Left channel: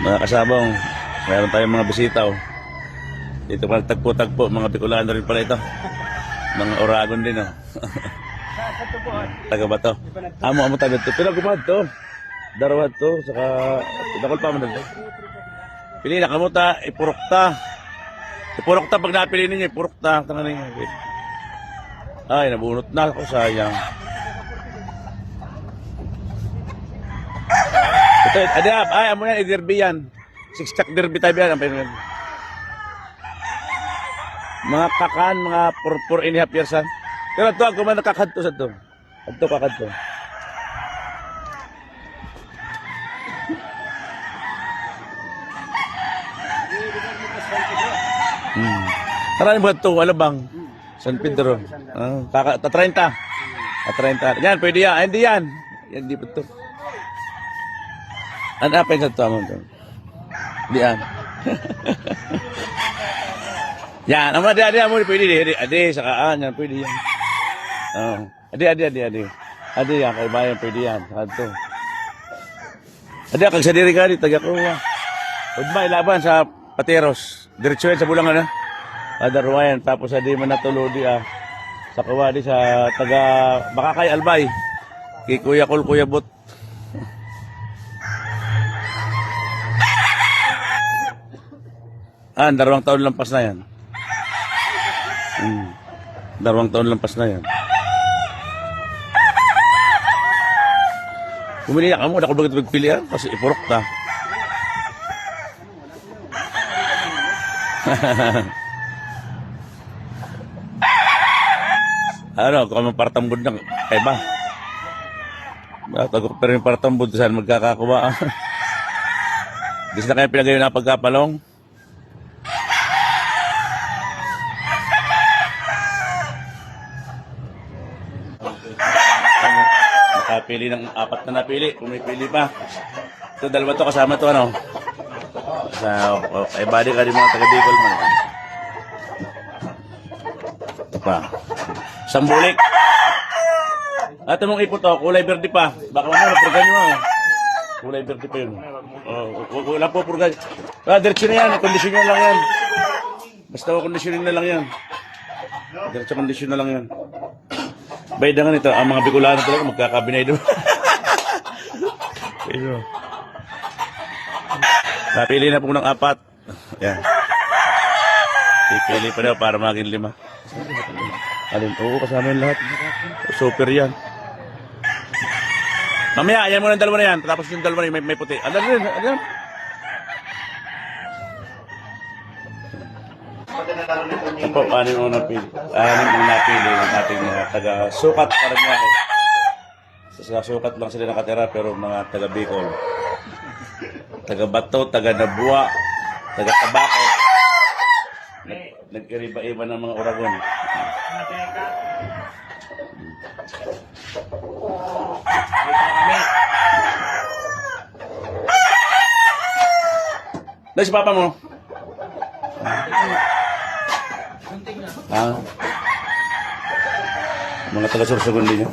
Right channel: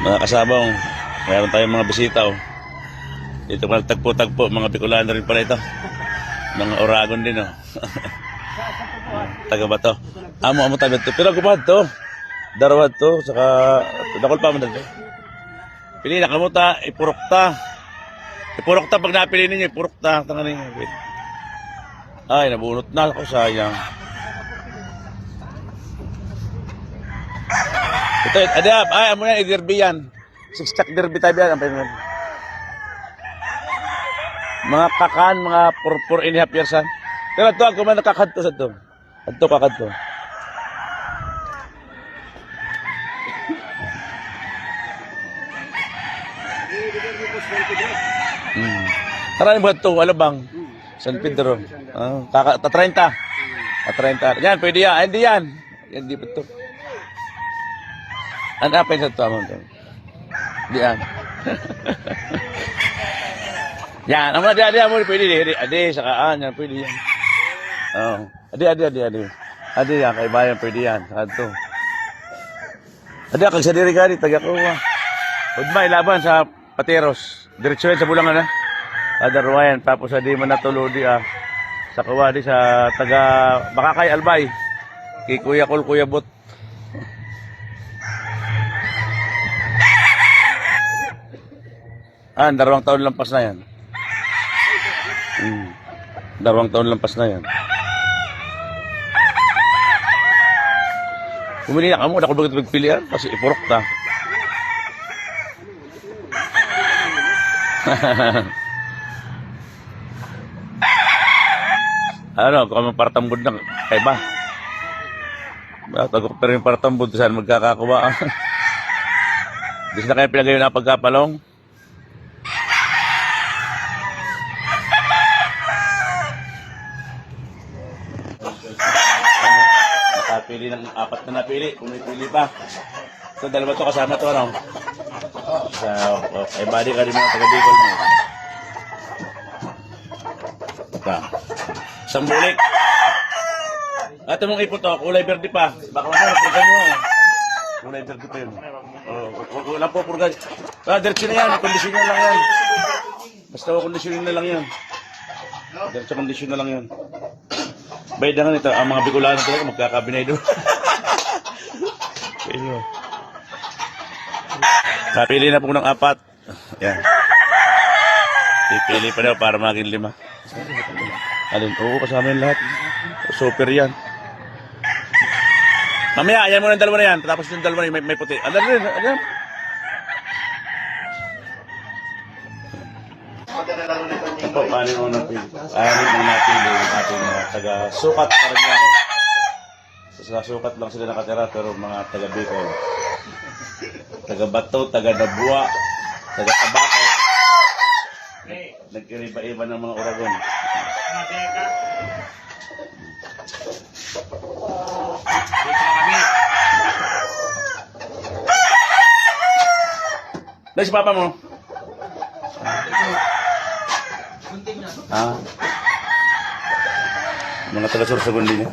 Mga kasabong, mayroon tayong mga bisita. Oh. Dito pala tagpo-tagpo, mga Bicolano rin pala ito. Mga Oragon din. Oh. Taga ba to? Amo tabi to. Pero kumad to. Darawad to. Saka, dakol pa man dito. Pili na kamuta, ipurukta. Ipurukta pag napili ninyo, ipurukta. Tangan ninyo. Ay, nabunot na ako, sayang. Ito, adap, ay, amo yan, i-derby yan. Six-track derby tayo yan. Mga kakan, mga 4.5 years yan. Pero ito, ako man nakakadto sa ito. Ito, kakadto. Maraming ba ito? Alabang. San Pedro. Ta 30. Ta 30. Yan, pwede yan. Hindi yan. Yan, di pa ito. Ano pa yung sa ito? Hindi yan. Yan. Ang adi, pwede. Adi, sakaan. Yan, pwede yan. Adi. Adi yan, kay bayan, pwede yan. Saka ito. Adi, kag sa diri ka, taga-kuha. Udmay, laban sa Pateros. Diretso yan sa Bulangan, Adarwayan, tapos adi man natulodi sa kawadi sa taga Bakakay Albay kay Kuya Kol Kuya Bot. Dalawang taon lampas na yan. 2 taon lampas na yan. Pumili na kamo, ako bagat magpilihan kasi ipurok ta. Ano, kung may partambod na, tayo ba? Tagok pero yung partambod, saan magkakakuha? Dis na kayo pilagay na pagkapalong? Nakapili ng 4 na napili, kung may pili pa. Ito, dalawa to kasama to, ano? Kay body ka rin mga taga-Bicol mo. Ito pa. Sambulik. Ito mong ipot to, kulay verde pa. Baka mo, napurgan nyo kulay verde pa yun. Wala po purgan. Diretso na yan, kondisyon na lang yan. Basta kondisyon na lang yan. Diretso kondisyon na lang yan. Baydangan ito, ang mga Bicolano talaga magkakabinay doon. Napili na po ng 4. Yan. Pipili pa daw para maging 5. Alin? Oo, kasama yung lahat. Super yan. Mamaya, ayan mo ng dalawa na yan. Tapos yung dalawa na may puti. Ano rin? Ano yan? Ito, paano yung napili? Yung napili yung ating taga-sukat. Parang nga eh. Sa sukat lang sila nakatira pero mga taga-Bicol. Taga-Bato, taga-Nabua, taga-Tabaco. Nagkiriba-iba ng mga Oragon. Dahil si papa mo? Mga taga-Sorsogon din yan.